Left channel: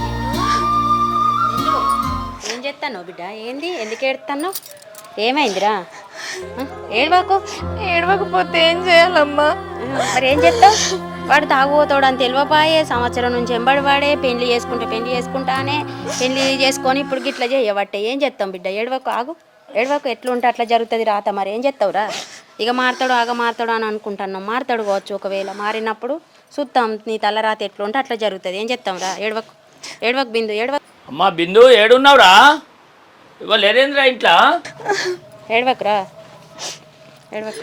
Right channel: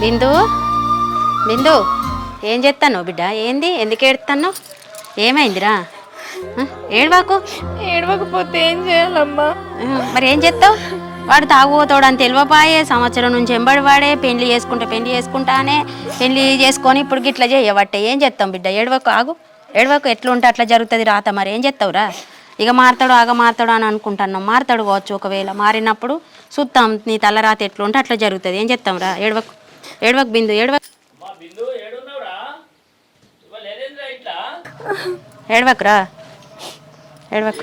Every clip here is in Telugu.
బిందు బిందు ఏం చేస్తాను బిడ్డ? ఏంది? ఎందుకు ఏడుతాను ఏమైందిరా? ఏడవాకు? ఏడవకపోతే ఏం చేయాలమ్మా? మరి ఏం చేస్తావు వాడు తాగుపోతాడు అని తెలియపాయే సంవత్సరం నుంచి ఎంబడి వాడే పెళ్ళి చేసుకుంటా పెళ్ళి చేసుకుంటానే పెళ్ళి చేసుకొని ఇప్పుడు గిట్లా చేయబట్టే ఏం చేస్తాం బిడ్డ? ఏడవకు ఆగు. ఏడవకు ఎట్లా ఉంటే అట్లా జరుగుతుంది రాత మరి. ఏం చేస్తావురా ఇక మారతాడు ఆగ మారతాడు అని అనుకుంటున్నాం. మారతాడు కావచ్చు ఒకవేళ. మారినప్పుడు చూస్తాం నీ తలరాత ఎట్లా ఉంటే అట్లా జరుగుతుంది. ఏం చేస్తాం రా ఏడవకు. ఏడవకు బిందు ఏడవకు. అమ్మా బిందు ఏడున్నావురా? ఇవాళ లేరేంద్రా ఇంట్లో? ఏడవకురా ఏడవకు.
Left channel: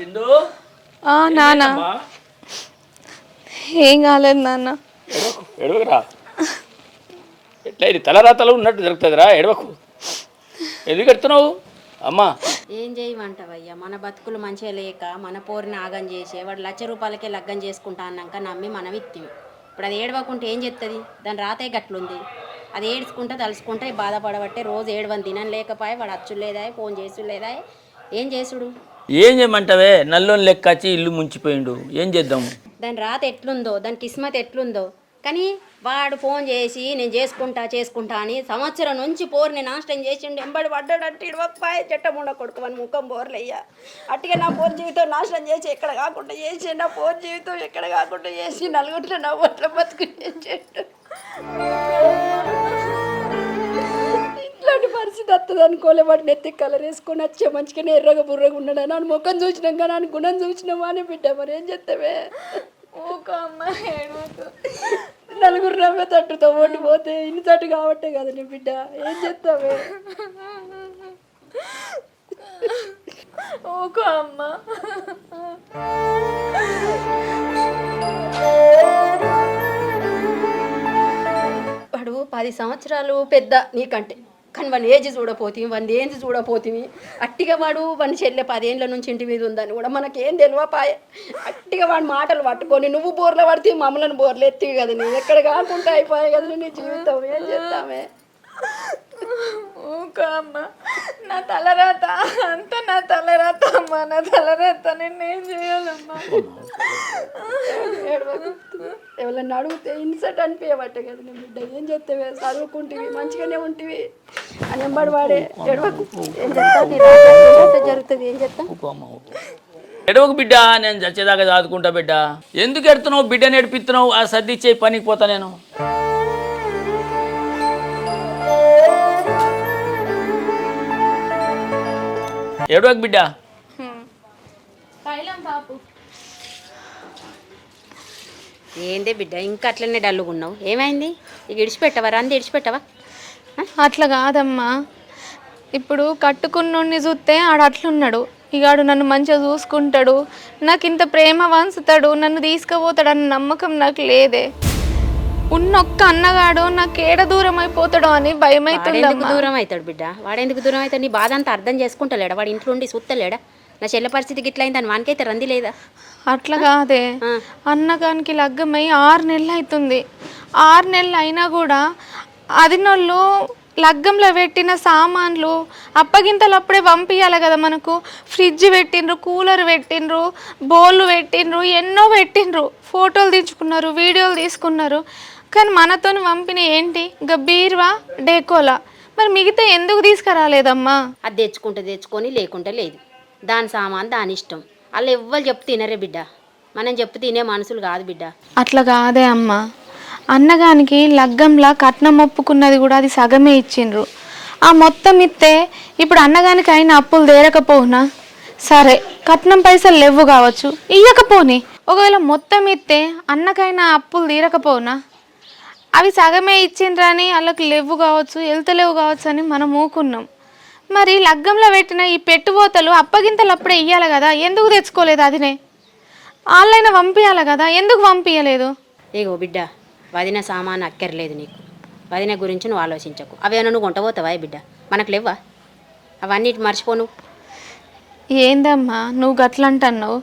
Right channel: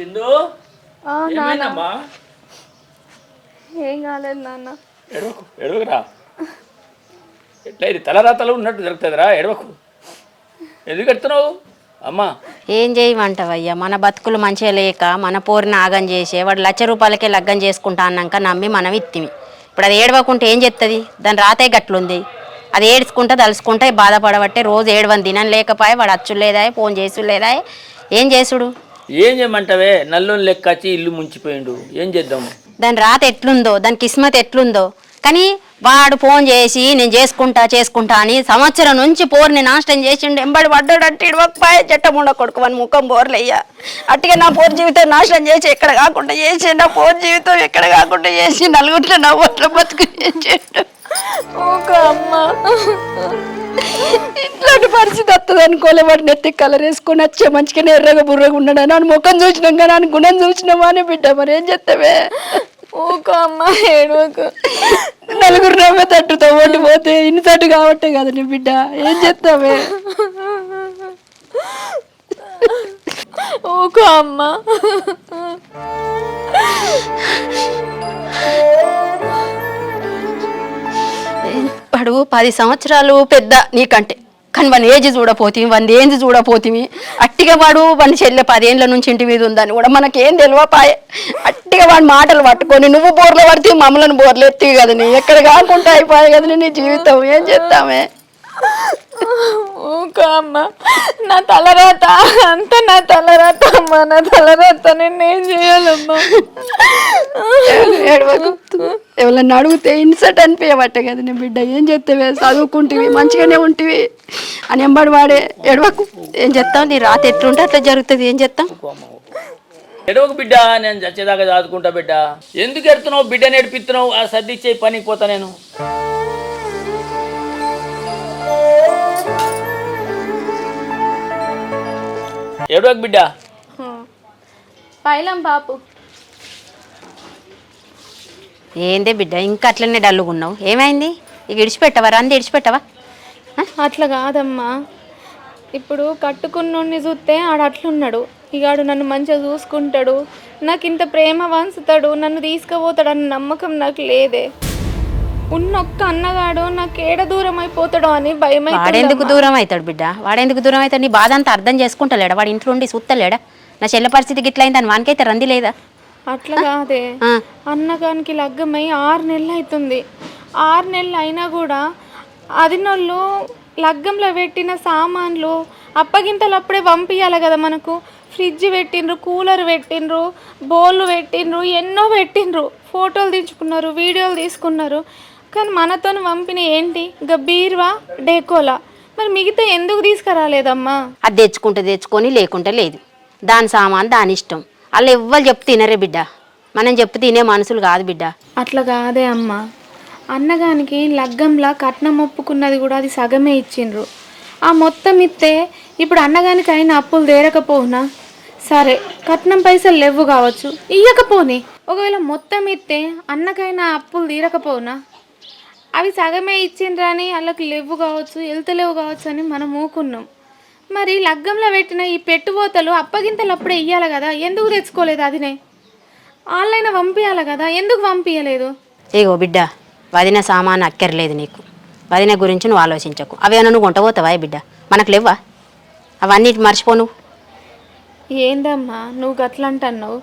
బిందు? ఆ నాన్న. ఏం కాలేదు నాన్న. ఎట్లా ఇది తలరాతలు ఉన్నట్టు జరుగుతుందిరా ఎడవకు ఎందుకు ఎడుతున్నావు అమ్మా. ఏం చేయమంటావయ్యా? మన బతుకులు మంచిగా లేక మన పోరిని ఆగం చేసే వాడు లక్ష రూపాయలకే లగ్గం చేసుకుంటా అన్నాక నమ్మి మనం ఇత్తిమి. ఇప్పుడు అది ఏడవకుంటే ఏం చెప్తుంది దాని రాతే గట్లుంది. అది ఏడ్చుకుంటా తలుసుకుంటా బాధపడబట్టే రోజు ఏడవని దినం లేకపోయే వాడు అచ్చు లేదా ఫోన్ చేసుడు లేదా ఏం చేసుడు? ఏం చేయమంటావే? నల్లోని లెక్క వచ్చి ఇల్లు ముంచిపోయిండు. ఏం చేద్దాము దాని రాత ఎట్లుందో దాని కిస్మత్ ఎట్లుందో కానీ వాడు ఫోన్ చేసి నేను చేసుకుంటా చేసుకుంటా అని సంవత్సరం నుంచి పోరుని నాశనం చేసిండు. ఎంబడి పడ్డాడు అంటే ఇడవకపోయే చెట్టముండ కొడుకు వాని ముఖం పోర్లయ్యా అట్టుగా నా పోరు జీవితం నాశనం చేసి ఎక్కడ కాకుండా చేసి నా పోరు జీవితం ఎక్కడ కాకుండా చేసి నలుగురిలో నా బతుకు చేసిండు. ఇట్లాంటి పరిస్థితి వస్తుంది అనుకోలే వాడు నెత్తి కలర్ వేసుకొని వచ్చే మంచిగానే ఎర్రగా బుర్రగా ఉన్నాడు? అని ముఖం చూసినాం కానీ అని గుణం చూసినామా అని బిడ్డ మరి ఏం చేస్తావే? ఊకో అమ్మ ఏడవకు నలుగురు నవ్వే తట్టుతో ఓడిపోతే ఇన్ని తట్టు కాబట్టే కదా నీ బిడ్డ. ఏం చేస్తావే? ఊకో అమ్మ. పడువు పది సంవత్సరాలు పెద్ద నీకంటే. కానీ వాని ఏజ్ చూడపోతివి వాని ఏజ్ చూడపోతివి అట్టిగా వాడు వాని చెల్లె పదేళ్ళ నుంచి ఇంటి మీద ఉందని కూడా మనకేం తెలియపాయే అట్టిగా వాడి మాటలు పట్టుకొని నువ్వు బోర్లు పడితే మమ్మల్ని బోర్లు ఎత్తివి కదా నీ ఎక్కడ కాకుండా అయిపోయాయి కదా నీ జీవితం ఏం చేస్తామే ఊక అమ్మ. నా తలరాత అంత నా తలరాత అమ్మ. నా తలరాత నేను ఏం చేయాలమ్మా ఏడవకు. ఎవరన్నా అడిగితే ఇన్సర్ట్ అనిపించబట్టే కదా నీ బిడ్డ. ఏం చేస్తావే చదువుకుంటివి మంచిగానే ఉంటివి. అని ఎంబడి వాడే ఏడవకు. ఏం చేస్తావు నీ రాత ఎట్లుంటే అట్లా జరుగుతుంది. ఏం చేస్తాం ఎడవకు బిడ్డ? నేను చచ్చేదాకా చదువుకుంటా బిడ్డ. ఎందుకు ఎడుతున్నావు? బిడ్డ నేర్పిస్తున్నావు? ఆ సర్ది ఇచ్చే పనికి పోతా నేను. బిడ్డ? పైలం బాపు. ఏందే బిడ్డ ఇంకా అట్లనే డల్లుగున్నావు. ఏమైంది? ఇక ఇడిచిపెట్టవా? రంది ఇడిచిపెట్టవా? అట్లా కాదమ్మా. ఇప్పుడు కట్టుకున్నోడిని చూస్తే ఆడు అట్లున్నాడు. ఇక ఆడు నన్ను మంచిగా చూసుకుంటాడు. నాకు ఇంత ప్రేమ వంచుతాడు. నన్ను తీసుకుపోతాడు అన్న నమ్మకం నాకు లేదే. ఉన్న ఒక్క అన్నగాడు నాకు ఏడ దూరం అయిపోతాడో అని భయం వాడెందుకు దూరం అవుతాడు బిడ్డ? వాడెందుకు దూరం అవుతాడు నీ బాధ అంతా అర్థం చేసుకుంటలేడా? వాడు ఇంట్లో ఉండి చూస్తలేడా నా చెల్లె పరిస్థితి గిట్ల అయిందని వానికైతే రంది లేదా? అట్లా కాదే. అన్నగానికి లగ్గమై ఆరు నెలలు అవుతుంది ఆరు నెలలు అయినా కూడా అదినోళ్ళు లగ్గంలో పెట్టిన సామాన్లు అప్పగింతలు అప్పుడే పంపించాలి కదా మనకు. ఫ్రిడ్జ్ పెట్టిండ్రు కూలర్ పెట్టిండ్రు బౌళ్ళు పెట్టిండ్రు ఎన్నో పెట్టిండ్రు. ఫోటోలు తీసుకున్నారు వీడియోలు తీసుకున్నారు. కానీ మనతోని పంపిన ఏంటి? ఇంకా బీర్వా? డేకోలా? మరి మిగతా ఎందుకు తీసుకురాలేదమ్మా? అది తెచ్చుకుంటే తెచ్చుకొని లేకుంటే లేదు. దాని సామాన్ దాని ఇష్టం. వాళ్ళు ఎవ్వరు చెప్తే తినరే బిడ్డ. మనం చెప్పు తినే మనుషులు కాదు బిడ్డ. అట్లా కాదే అమ్మ. అన్నగానికి లగ్గంలా కట్నం ఒప్పుకున్నది కూడా అది సగమే ఇచ్చిండ్రు. ఆ మొత్తం ఇస్తే ఇప్పుడు అన్నగానికి అయిన అప్పులు తీరకపోనా సరే కట్నం పైసలు లేవు కావచ్చు. ఇయ్యకపోని. ఒకవేళ మొత్తం ఇస్తే అన్నకైనా అప్పులు తీరకపోనా అవి సగమే ఇచ్చిండ్రని వాళ్ళకి లేవు కావచ్చు వెళ్తలేవు కావచ్చు అని మనం ఊకున్నాం. మరి లగ్గంలో పెట్టిన ఈ పెట్టుబోతలు అప్పగింతలు అప్పుడే ఇయ్యాలి కదా ఎందుకు తెచ్చుకోలేదు అదినే? వాళ్ళైనా పంపించాలి కదా ఎందుకు పంపించలేదు ఏగో బిడ్డ వదిన సామాన్ అక్కర్లేదు నీకు. వదిన గురించి నువ్వు ఆలోచించకు. అవేనా నువ్వు కొంటపోతావా బిడ్డ? మనకు లేవా అవన్నీ మర్చిపో నువ్వు ఏందమ్మా నువ్వు గట్లంటున్నావు.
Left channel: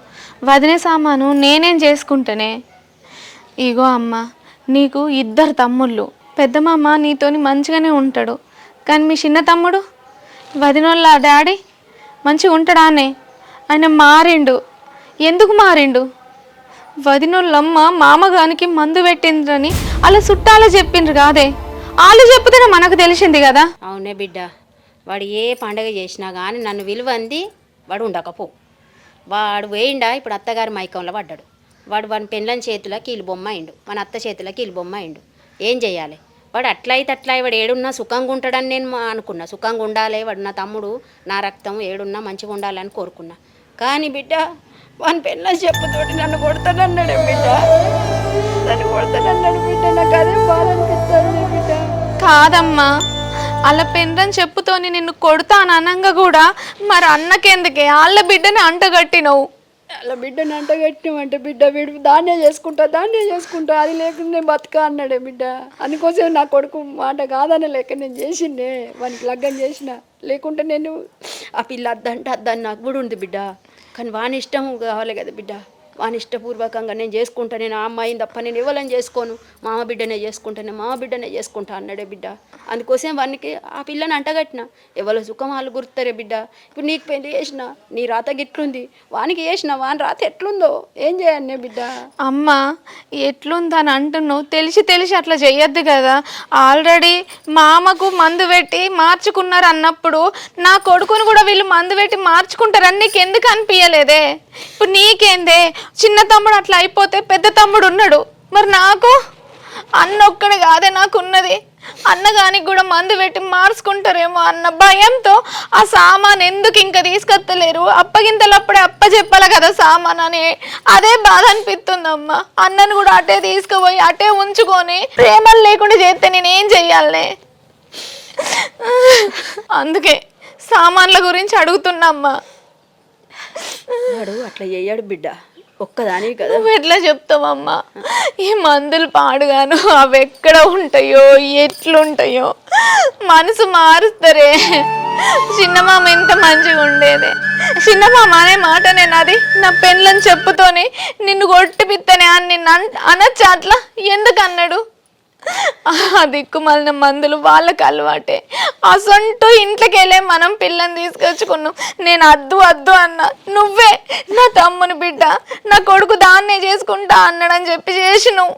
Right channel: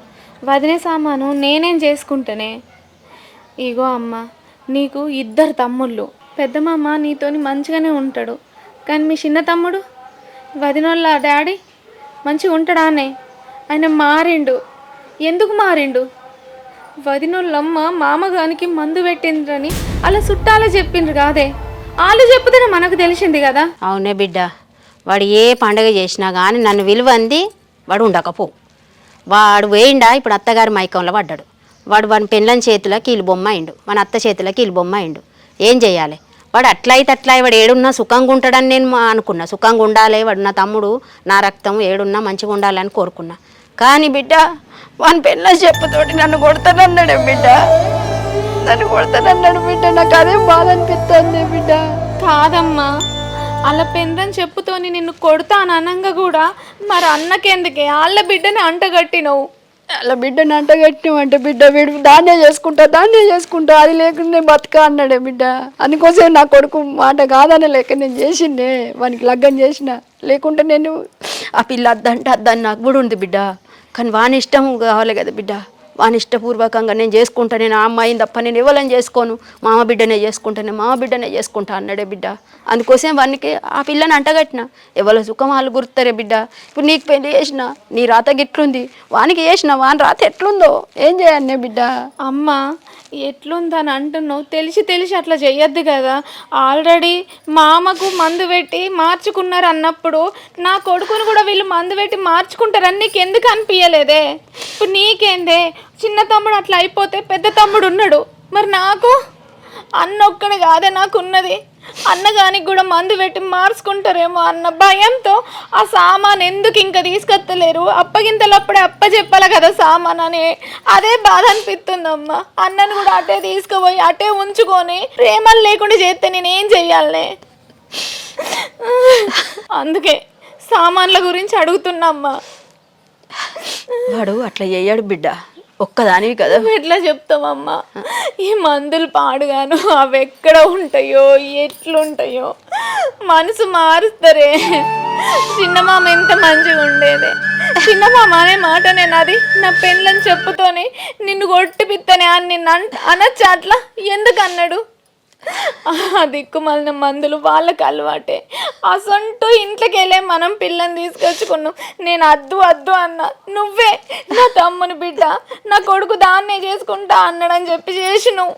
వదిలే సామాను నేనేం చేసుకుంటానే? ఇగో అమ్మ నీకు ఇద్దరు తమ్ముళ్ళు. పెద్దమామ నీతోని మంచిగానే ఉంటాడు. కానీ మీ చిన్న తమ్ముడు? వదినోళ్ళ డాడీ మంచిగా ఉంటాడానే? ఆయన మారిండు. ఎందుకు మారిండు? వదినోళ్ళమ్మ మామగానికి మందు పెట్టిందని అలా చుట్టాలు చెప్పిండ్రు కాదే? వాళ్ళు చెప్తేనే మనకు తెలిసింది కదా? అవునే బిడ్డ. వాడు ఏ పండగ చేసినా కానీ నన్ను విలువంది వాడు ఉండకపో. వాడు వేయిండా ఇప్పుడు అత్తగారి మైకంలో పడ్డాడు. వాడు వాని పెళ్ళని చేతిలో కీలు బొమ్మ అయిండు. మన అత్త చేతిలో కీలు బొమ్మ అయిండు. ఏం చేయాలి? వాడు అట్లా అయితే అట్లా వాడు ఏడున్నా సుఖంగా ఉంటాడని నేను మా- అనుకున్నా. సుఖంగా ఉండాలి వాడు నా తమ్ముడు నా రక్తం ఏడున్నా మంచిగా ఉండాలని కోరుకున్నా. కానీ బిడ్డ వాని పెళ్ళ చెప్పుతోటి నన్ను కొడతానన్నాడు బిడ్డ. నన్ను కొడతానన్నాడు బిడ్డ. నాకు అదే బాధ అనిపిస్తుంది బిడ్డ. కాదమ్మా. అలా పెందని చెప్పుతోని నిన్ను కొడతాను అనంగా కూడా మరి అన్నకెందుకే? వాళ్ళ బిడ్డని అంటగట్టినవు. అలా బిడ్డని అంటగట్టినామంటే బిడ్డ వీడు దాన్నే చేసుకుంటా దాన్నే చేసుకుంటా అది లేకుండా నేను అన్నాడే బిడ్డ. అందుకోసం నా కొడుకు మాట కాదనే లేక నేను చేసిండే వానికి లగ్గం చేసిన. లేకుంటే నేను ఆ పిల్ల అద్దంటే అద్దని నాకు కూడా ఉంది బిడ్డ. కానీ వాని ఇష్టం కావాలి కదా బిడ్డ. వాని ఇష్టపూర్వకంగా నేను చేసుకుంటా నేను ఆ అమ్మాయిని తప్ప నేను ఎవరిని చేసుకోను. మామ బిడ్డనే చేసుకుంటా నేను మామ బిడ్డనే చేసుకుంటా అన్నాడే బిడ్డ. అందుకోసం వానికి ఆ పిల్లని అంటగట్టిన. ఎవరి సుఖం వాళ్ళు గుర్తారే బిడ్డ. ఇప్పుడు నీకు పెళ్ళి చేసిన నీ రాత గిట్లుంది. వానికి చేసిన వాని రాత ఎట్లుందో? ఏం చేయాలి బిడ్డ? అమ్మ ఎట్లుందని అంటున్నావు తెలిసి తెలిసి అట్లా చెయ్యొద్దు కదా. ఆల్రెడీ మామకు మందు పెట్టి మార్చుకున్నారు అన్నప్పుడు నా కొడుకుని కూడా వీళ్ళు మందు పెట్టి మార్చుకుంటారని నీకు ఎందుకు అనిపించలేదే ఇప్పుడు నీకేందే? చిన్న తమ్ముడు అట్లా అయిపోతే పెద్ద తమ్ముడు ఉన్నాడు. మరి నాకు? అన్న ఒక్కడ కాదే నాకున్నది. అన్నగానికి కూడా మందు పెట్టి మార్చుకుంటారేమో అన్న భయంతో ఆ సామాన్ ఎందుకు ఇంకా తీసుకొత్తలేరు అప్పగింతలప్పుడే అప్ప చెప్పాలి కదా సామాన్ అని. అదే బాధ అనిపిస్తుందమ్మా. అన్నను కూడా అటే తీసుకుపోయి అటే ఉంచుకొని ప్రేమలు లేకుండా చేస్తే నేను ఏం అందుకే సామాన్ల గురించి అడుగుతున్నమ్మా వాడు అట్లా చేయడు బిడ్డ. ఒక్కదానివి కదా. ఎట్లా చెప్తావమ్మా? ఈ మందులు పాడుగాను అవి ఎక్కడ ఉంటాయో ఎట్లుంటాయో. మనసు మారుస్తారే. చిన్నమామ ఎంత మంచిగా ఉండేది. చిన్నమామ అనే మాట నేను అది నా పెళ్ళని చెప్పుతోనే నిన్ను కొట్టిపిత్తనే అని నిన్ను అన్- అనొచ్చా అట్లా? ఎందుకు అన్నాడు? ఆ దిక్కుమాలిన మందులు వాళ్ళకి అలవాటే. అసంటూ ఇంట్లోకి వెళ్ళే మనం పిల్లని తీసుకొచ్చుకున్నాం. నేను అద్దు అద్దు అన్న నువ్వే నా తమ్ముని బిడ్డ నా కొడుకు దాన్నే చేసుకుంటా అన్నాడని చెప్పి చేసినావు.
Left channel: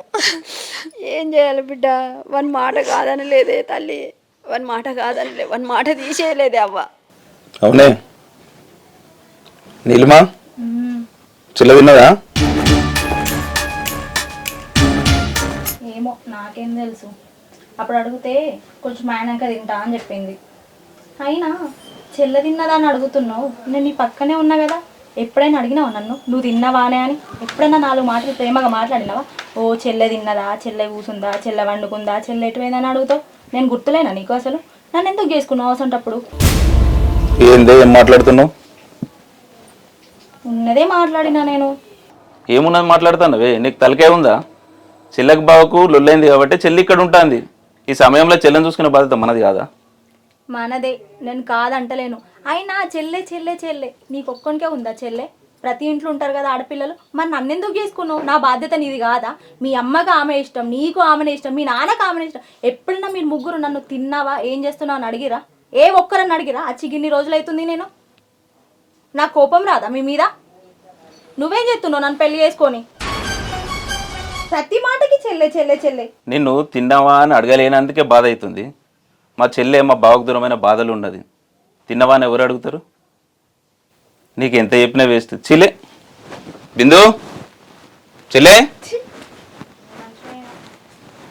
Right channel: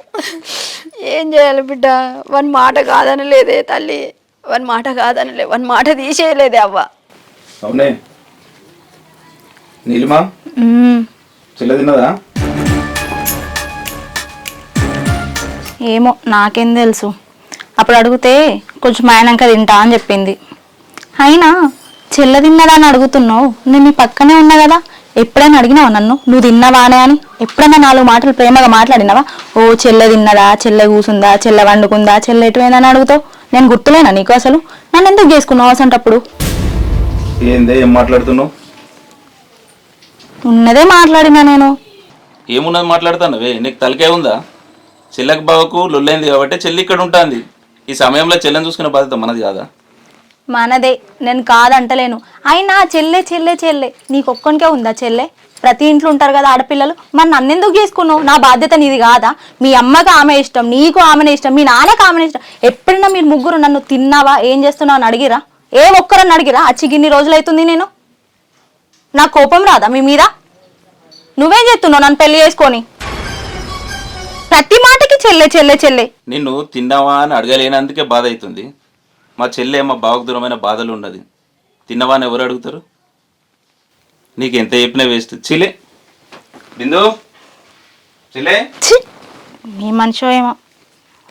ఏం చేయాలి బిడ్డ? వన్ మాట కాదనలేదే తల్లి. వన్ మాట కాదనలే వన్ మాట తీసేయలేదే అవ్వ. అవునే. నీలిమా? చిల్ల విన్నదా ఏమో నాకేం తెలుసు. అప్పుడు అడిగితే కొంచెం ఆయనంక తింటా అని చెప్పింది. అయినా చెల్ల తిన్నదా అని అడుగుతున్నావు నేను నీ పక్కనే ఉన్నా కదా ఎప్పుడైనా అడిగినావా నన్ను? నువ్వు తిన్నావానే అని? ఎప్పుడైనా నాలుగు మాటలు ప్రేమగా మాట్లాడినావా? ఓ చెల్లె తిన్నదా చెల్లె కూసుందా చెల్లె వండుకుందా చెల్లె ఎటువైందా అని అడుగుతావు? నేను గుర్తులేనా నీకు అసలు? నన్ను ఎందుకు చేసుకున్నావు అసంటప్పుడు ఏందే ఏం మాట్లాడుతున్నావు? ఉన్నదే మాట్లాడినా నేను. ఏమున్నది మాట్లాడుతున్నావే? నీకు తలకే ఉందా? చెల్లెకి బావకు లొల్లైంది కాబట్టి చెల్లి ఇక్కడ ఉంటుంది. ఈ సమయంలో చెల్లెని చూసుకునే బాధ్యత మనది కాదా? మనదే. నేను కాదంటలేను. అయినా చెల్లె చెల్లె చెల్లె. నీకు ఒక్కనికే ఉందా చెల్లె? ప్రతి ఇంట్లో ఉంటారు కదా ఆడపిల్లలు. మరి నన్నెందుకు చేసుకున్నావు? నా బాధ్యత నీది కాదా? మీ అమ్మకి ఆమె ఇష్టం నీకు ఆమెనే ఇష్టం మీ నాన్నకి ఆమెనే ఇష్టం. ఎప్పుడైనా మీరు ముగ్గురు నన్ను తిన్నావా? ఏం చేస్తున్నావు అని అడిగిరా? ఏ ఒక్కరని అడిగిరా? అచ్చి గిన్ని రోజులు అవుతుంది నేను. నా కోపం రాదా మీ మీద? నువ్వేం చేస్తున్నావు నన్ను పెళ్ళి చేసుకొని? ప్రతి మా చెల్లె చెల్లె చెల్లె. నిన్ను తిన్నావా అని అడగలేనందుకే బాధ అవుతుంది మా చెల్లె మా బావకు దూరమైన బాధలు ఉన్నది. తిన్నవా అని ఎవరు అడుగుతారు? నీకు ఎంత చెప్పినా వేస్ట్. చిలే బిందు. చెల్లె. ఛీ! మీ మనిషి ఏమో.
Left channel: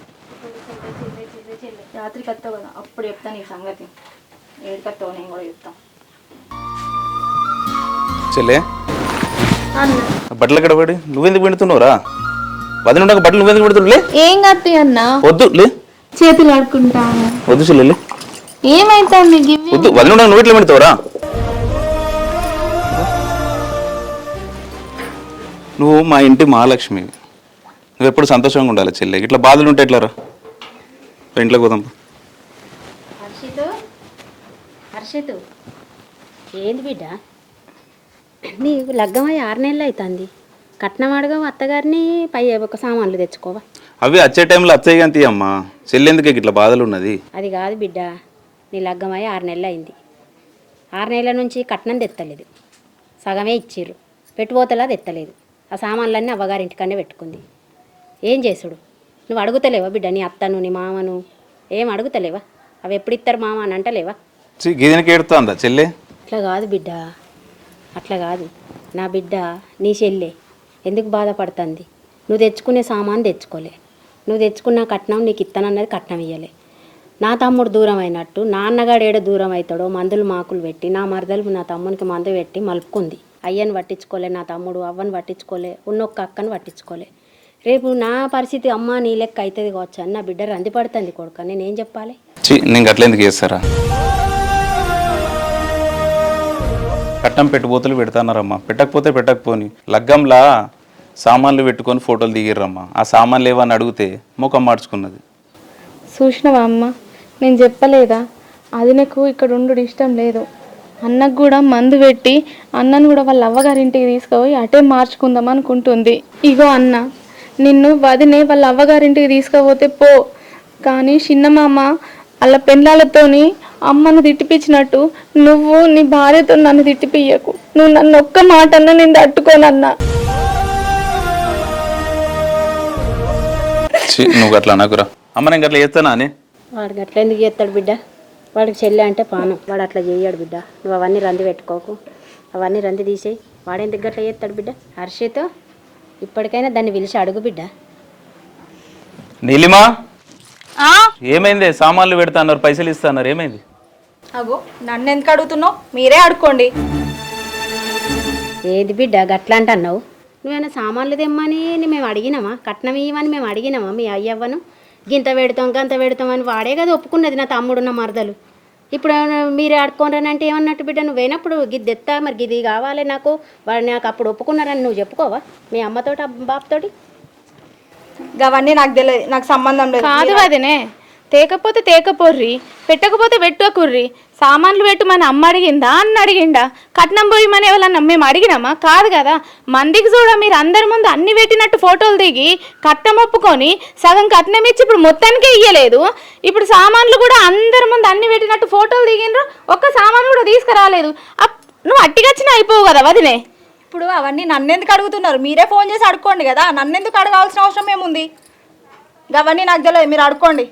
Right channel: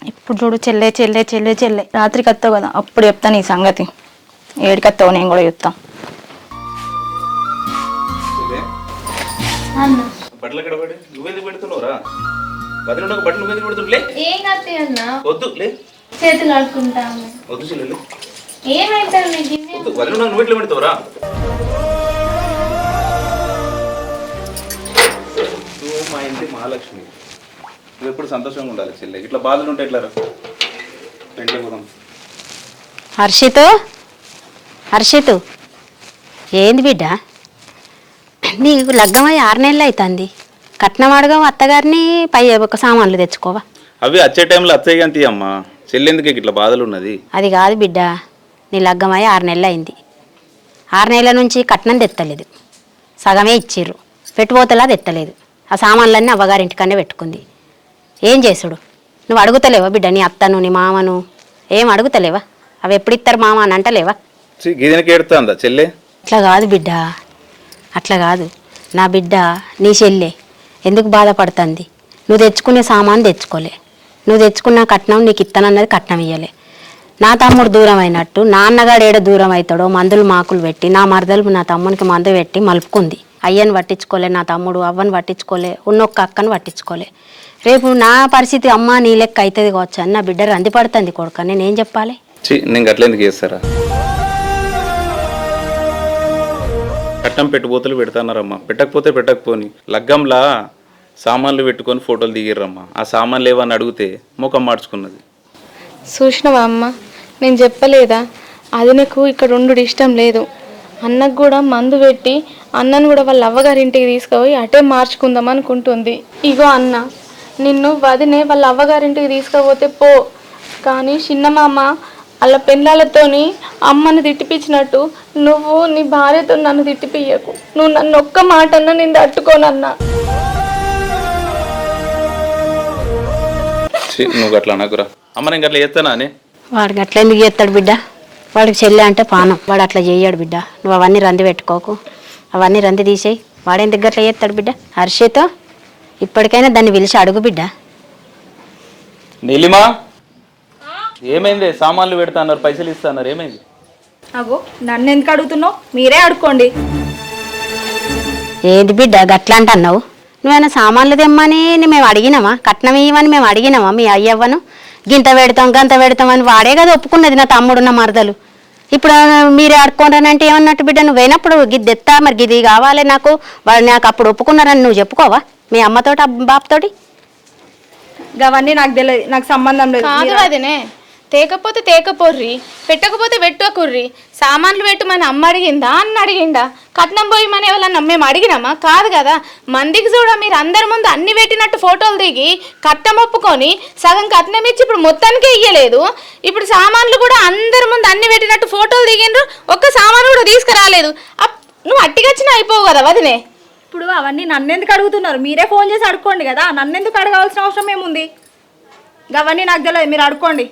ఇప్పుడు చూడు చెల్లె చెల్లె చెల్లె చెల్లె. రాత్రికి వస్తావు కదా అప్పుడు చెప్తాను ఈ సంగతి. ఏడికి వస్తావు నేను కూడా చెప్తా. చెల్లె. బట్టలు ఎక్కడ పడి? నువ్వెందుకు పెడుతున్నావురా? వదిన ఉండక బట్టలు పెడుతున్నావు లే. ఏం కత్తి అన్నా. వద్దు లే. చేతులు ఆడుకుంటాము వద్దు చెల్లె లే. ఏమైతుంది? నీకు వద్దు వదిన ఉండక నువ్వు ఎట్లా పెడతావురా? నువ్వు మా ఇంటి మహాలక్ష్మి. నువ్వు ఎప్పుడు సంతోషంగా ఉండాలి చెల్లె. ఇట్లా బాధలు ఉంటే ఎట్లా రా? ఇంట్లోకి పోదాం. హర్షిత్? హర్షిత్? ఏంది బిడ్డ? నీకు లగ్గమై ఆరు నెలలు అవుతుంది. కట్నం అడగవు అత్తగారిని పై ఒక సామాన్లు తెచ్చుకోవా? అవి వచ్చే టైంలో కానీ అమ్మా చెల్లెందుకు ఇట్లా బాధలు ఉన్నది అది కాదు బిడ్డ నీ లగ్గమై ఆరు నెలలు అయింది. ఆరు నెలల నుంచి కట్నం తెత్తలేదు. సగమే ఇచ్చిర్రు. పెట్టుపోతలా తెత్తలేదు. ఆ సామాన్లన్నీ అవ్వగారింటికనే పెట్టుకుంది. ఏం చేసుడు? నువ్వు అడుగుతలేవా బిడ్డ నీ అత్తను నీ మామను? ఏం అడుగుతలేవా? అవి ఎప్పుడు ఇస్తారు మామ అని అంటలేవా? గిదనకి చెల్లె? అట్లా కాదు బిడ్డ. అట్లా కాదు. నా బిడ్డ నీ చెల్లె. ఎందుకు బాధపడుతుంది? నువ్వు తెచ్చుకునే సామాను తెచ్చుకోలే. నువ్వు తెచ్చుకున్న కట్నం నీకు ఇస్తానన్నది కట్నం ఇయ్యలే. నా తమ్ముడు దూరం అయినట్టు నాన్నగాడు ఏడ దూరం అవుతాడో మందులు మాకులు పెట్టి నా మరదలు నా తమ్మునికి మందు పెట్టి మలుపుకుంది. అయ్యని పట్టించుకోలే నా తమ్ముడు అవ్వని పట్టించుకోలే ఉన్నొక్క అక్కను పట్టించుకోలే. రేపు నా పరిస్థితి అమ్మ నీ లెక్క అవుతుంది కావచ్చు అని నా బిడ్డ రంది పడుతుంది కొడుక. నేనేం చెప్పాలి? నేను గట్ల ఎందుకు చేస్తారా? కట్నం పెట్టుబోతులు పెడతానారమ్మా పెట్టకపోతే పెట్టకపోని. లగ్గంలా సామాన్లు పెట్టుకొని ఫోటోలు దిగిర్రమ్మా. ఆ సామాన్లు ఏవని అడిగితే ముఖం మార్చుకున్నది. చూసినవా అమ్మ? నేను చెప్పలేదా? అది నాకు ఇక్కడ ఉండు ఇష్టం లేదు. అన్నకు కూడా మందు పెట్టి అన్నను కూడా వాళ్ళ అవ్వగారింటికి తీసుకుపోయి అటే మార్చుకుందాం అనుకుంటుంది. ఇగో అన్న నిన్ను వదినే వాళ్ళ అవ్వగారింటికి తీసుకుపోతే పో. కానీ చిన్నమామ వాళ్ళ పెళ్ళాలతోని అమ్మను తిట్టిపించినట్టు నువ్వు నీ భార్యతో నన్ను తిట్టిపియ్యకు. నువ్వు నన్ను ఒక్క మాట అన్న నేను తట్టుకోనన్నా. నువ్వు అట్లా అనకురా. అమ్మ నేను గట్ల చేస్తానా అని? వాడికి అట్లా ఎందుకు చేస్తాడు బిడ్డ? వాడికి చెల్లె అంటే పానం. వాడు అట్లా చేయడు బిడ్డ. నువ్వు అవన్నీ రంది పెట్టుకోకు. అవన్నీ రంది తీసేయి. వాడేందుకు అట్లా చేస్తాడు బిడ్డ? హర్షిత? ఇప్పటికైనా దాన్ని పిలిచి అడుగు బిడ్డ. నీలిమా? ఏమైంది? సామాన్లు పెడతాన్నారు పైసలు ఇస్తాన్నారు ఏమైంది? అగో నన్ను ఎందుకు అడుగుతున్నావు? మీరే అడుక్కోండి. ఏంది బిడ్డ గట్లా అంటున్నావు? నువ్వేమైనా సామాన్లు తెమ్మని మేము అడిగినామా? కట్నం ఇవ్వమని మేము అడిగినామా? మీ అయ్యవ్వను గింత పెడతాం గంత పెడతాం అని వాడే కదా ఒప్పుకున్నది నా తమ్ముడు నా మరదలు. ఇప్పుడు మీరే ఆడుకోండి ఏమన్నట్టు బిడ్డ? నువ్వు పోయినప్పుడు గిద్ది ఎత్తా మరి గిది కావాలి నాకు. వాడు నాకు అప్పుడు ఒప్పుకున్నారని నువ్వు చెప్పుకోవా? మీ అమ్మతోటి బాబుతోటి అవన్నీ నాకు తెలియదు నాకు సంబంధం లేదు. కాదు వదినే. తేకపోతే తేకపోర్రి పెట్టకపోతే పెట్టుకుర్రి. సామాన్లు పెట్టు మన అమ్మ అడిగిందా అన్న అడిగిందా కట్నం పోయి మన ఎవరన్నా మేము అడిగినామా? కాదు కదా. మందికి చూడ మీరు అందరి ముందు అన్ని పెట్టినట్టు ఫోటోలు దిగి కట్నం ఒప్పుకొని సగం కట్నం ఇచ్చి ఇప్పుడు మొత్తానికే ఇయ్యలేదు. ఇప్పుడు సామాన్లు కూడా అందరి ముందు అన్ని పెట్టినట్టు ఫోటోలు దిగిండ్రు ఒక్క సామాను కూడా తీసుకురాలేదు. నువ్వు అట్టిగచ్చిన అయిపోవు కదా వదినే. ఇప్పుడు అవన్నీ నన్ను ఎందుకు అడుగుతున్నారు? మీరే ఫోన్ చేసి అడుక్కోండి కదా. నన్ను ఎందుకు అడగాల్సిన అవసరం ఏముంది? అవన్నీ నాకు తెలియదు. మీరు అడుక్కోండి.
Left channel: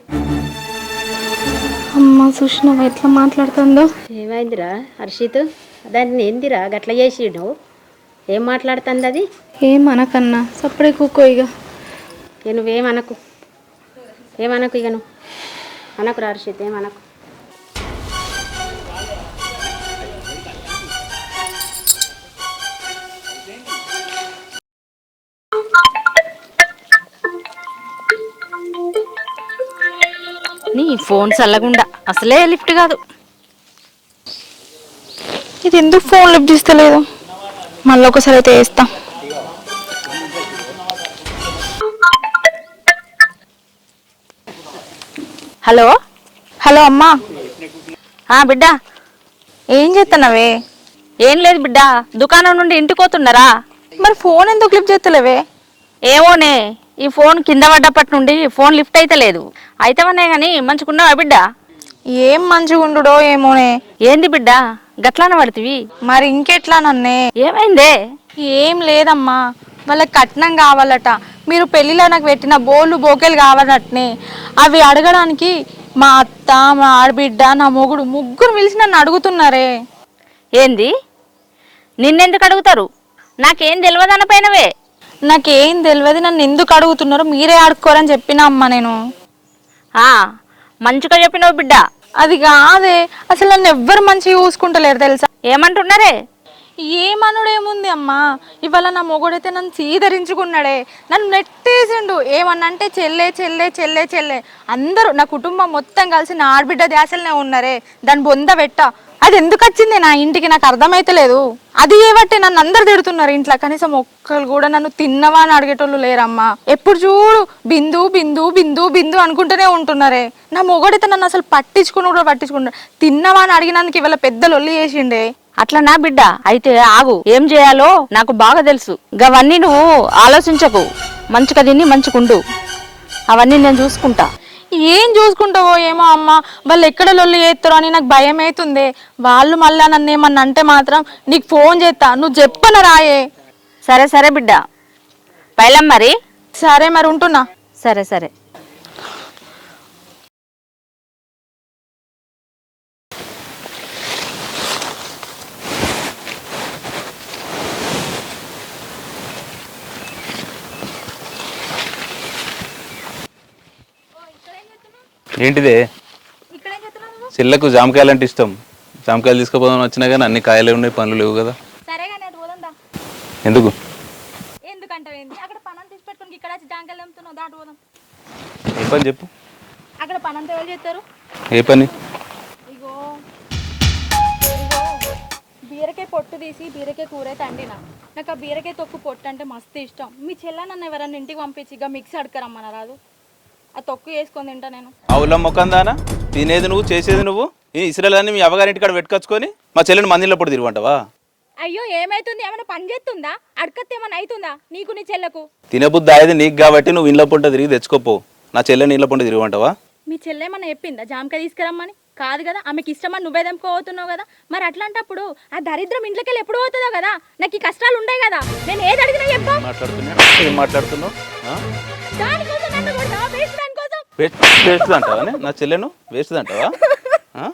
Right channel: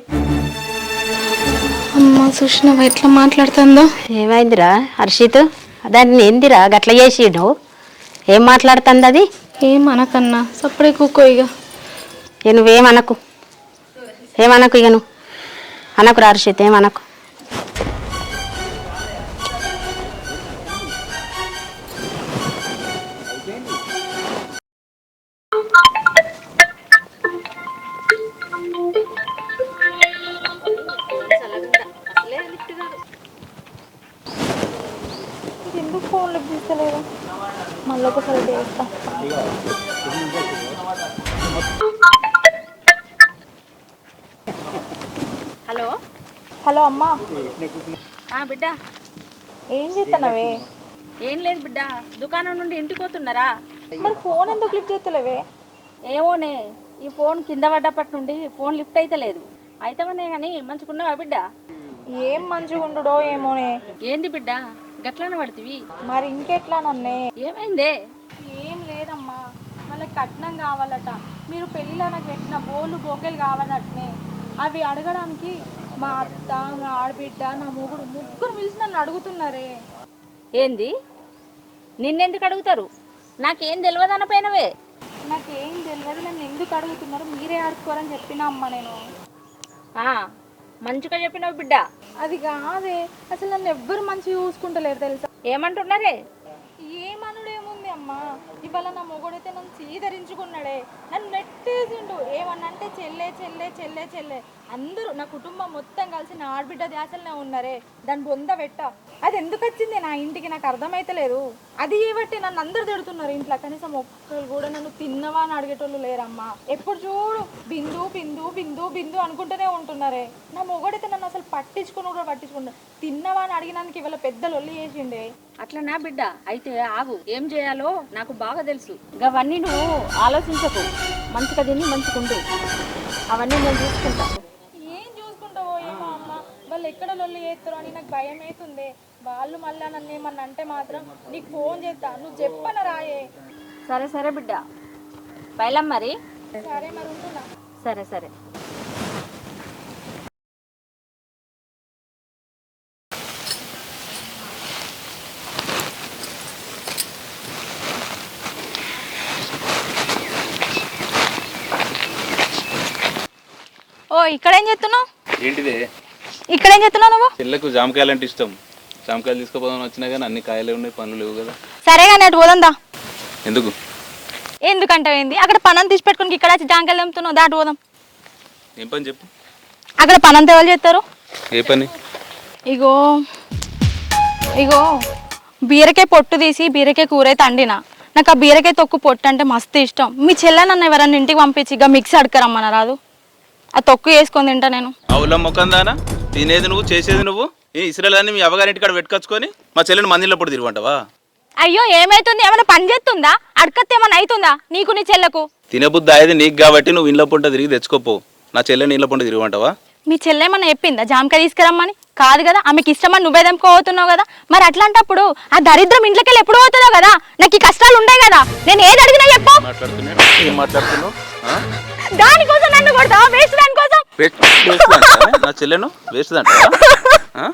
అమ్మ చూసినావా ఎట్లా మాట్లాడుతుందో? ఏమైందిరా? హర్షిత్ దాన్ని ఏందిరా? గట్ల చేసి నువ్వు ఏం మాట్లాడుతుంది అది ఏమనకన్నా సప్పుడే కూకో ఇక ఇక నువ్వేమనకు ఏమనకు ఇక నువ్వు? అనకు హర్షిత్ ఏమనకు ఫోన్ చల్లగుండా. అసలే లిఫ్ట్ కాదు. ఇది ఎందుకు ఫోన్ లిఫ్ట్ చేస్తలేదు మళ్ళీ ఒకసారి అయితే వేస్తా హలో? హలో అమ్మా. ఆ బిడ్డ. ఏం చేస్తున్నావే? ఏం లేదు బిడ్డ. దుకాణం నుండి ఇంటికి పోతున్నారా? మరి ఫోన్ ఎందుకు లిఫ్ట్ చేస్తలేవే? ఏమోనే ఈ ఫోన్ కింద పడ్డప్పటి నుండి ఫోన్ లిఫ్ట్ అయితే లేదు. అయితేవనే కానీ మంచుకున్నావా బిడ్డ? ఏం మంచిగా ఉండుడో ఏమోనే. ఏంది బిడ్డ? గట్లాన పడుతుంది మరి ఇంకెట్లా నన్నే? ఏమైందే? ఏం లేదమ్మా. వాళ్ళకి కట్నం కావాలట. మీరు పెళ్ళిలో నాకు పెట్టిన బోళ్ళు బోకేలు కావాలటనే. అవి అడగడానికి మా అత్త మా ఆడబిడ్డ నా మొగుడు ముగ్గురు పిలిచి నన్ను అడుగుతున్నారే. ఏంది? నిన్నెందుకు అడుగుతారు? నాకేం తెలియదు పైనవే. నాకేం తెలియదు నన్ను ఎందుకు అడుగుతున్నారో మీరే ఆడుకోరని చెప్పినా అమ్మా నేను. ఆ మంచిగా చెప్పినావు బిడ్డ. అది కాదే అసలు నన్ను ఎవ్వరు మంచిగా చూసుకుంటలేరు తెలుసా? ఏమంటున్నారే? ఏమనుడేముంది అమ్మా? ఇవాళ నా మొగుడైతే నన్ను సీదరించుకున్నాడే నన్ను నెట్టేసిండు. ఏమన్నంటే చెల్లే చెల్లే చెల్లే చెల్లే. అందరూ నా కుటుంబం మొత్తం కలిసి నా ఆడబిడ్డ ధ్యాసలనే ఉన్నారే. దాని బొంద పెట్ట. అది ఎందుకు వచ్చింది? నా ఇంటికి నాకు అర్థమైతలేదు అది ఏవట్టే నన్ను అందరు తిడుతున్నారు ఇంట్లో. కనీసం ఒక్కరు కూడా నన్ను తిన్నవా అని అడిగేటోళ్ళు లేరమ్మా. ఎప్పుడు చూడు బిందు బిందు బిందు బిందు అనుకుంటూనే ఉంటున్నారే. నా మొగడైతే నన్ను అసలు పట్టించుకుని కూడా పట్టించుకుంటారు తిన్నవా అని అడిగినందుకు ఇవాళ పెద్దలు లొల్లి చేసిండే. అట్లా నా బిడ్డ. అయితే ఆగు. ఏం చేయాలో నాకు బాగా తెలుసు. గవన్నీ నువ్వు ఆలోచించకు. మంచిగా తిని మంచిగుండు అవన్నీ నేను చూసుకుంటా. ఏం చూసుకుంటావో ఏమో అమ్మ? వాళ్ళు ఎక్కడ లొల్లి చేస్తారో అని నాకు భయం అవుతుంది. వాళ్ళు మళ్ళా నన్ను ఏమన్నా అంటే మాత్రం నీకు ఫోన్ చేస్తా నువ్వు చెప్పన రాయే? సరే సరే బిడ్డ. పైలం మరి? సరే మరి ఉంటున్నా. సరే సరే. ఇక్కడేం చేస్తున్నావు? ఏంటిదే? ఇక్కడేం చేస్తున్నావు నువ్వు? చెల్లకు జామకాయలు అంటే ఇష్టం. జామకాయలు తీసుకుపోదామని వచ్చినా కానీ అన్ని కాయలే ఉన్నాయి పనులు లేవు కదా. సరే కానీ అటు పోదందా ఎందుకు? ఎందుకంటే ఏంది? అక్కడ పనం తీసి పెట్టుకుని ఇక్కడ వచ్చి జాంకాయలు తెంపుతున్నావు దాటి పోదాం. ఏ పని చెప్పు. అక్కడ పనంతా ఎవరు చేస్తారు? ఏ పని? ఇగో ఇగో బీరకాయ పొట్టు తీసి బీరకాయ కూర అయితే అండిన. నాకు ఆ బీరకాయ తొక్కు పొట్టు అంటే మస్తు ఇష్టం. మీ చెల్లె నన్ను ఎవరన్నా ఇంటికి పంపించి ఇక మిక్సీ అడకరమ్మన రాదు? ఆ తొక్కు వేసుకొని తింటా నేను. అవుల ముఖందానా తినేది నువ్వు చేసేది నువ్వు? ఈ ఇసురాలని మీ అవ్వగారింటి కాడ పెట్టుకొచ్చుకొని మా చెల్లెని మందిలో పొడి తిరగమంటావా అయ్యో ఏమైతుంది? ఏమైనా పని చేస్తుందా? అడకత్తే ఏమైనా అవుతుందా నీకు నీ చెల్లకు? తినబుద్ధి అయ్యేది నీకు కాబట్టి నువ్వు ఇంట్లో పుంట తిరిగి తెచ్చుకోపో. నా చెల్లెని ఇంట్లో పుంట తిరగమంటావా మీ చెల్లె ఏమన్నా చెప్పిందా? జామకాయ తీసుకురమ్మని? కాదు కదా ఆమెకి ఇష్టమని నువ్వే తెంపుకోతున్నావు కదా. మరి అట్లాంటప్పుడు ఆ దరిద్రం ఇంట్లోకి ఎప్పుడు పోతుందో కదా? నాకు ఈ కష్టాలు ఉంటాయి కదా. నేను ఏది అడిగినా చెప్పు. ఏం? దానికోసం నన్ను కొడతావా? వేస్ట్ దానికోసం? వేస్ట్- నా చెల్లెను? వేస్ట్ అంటావా?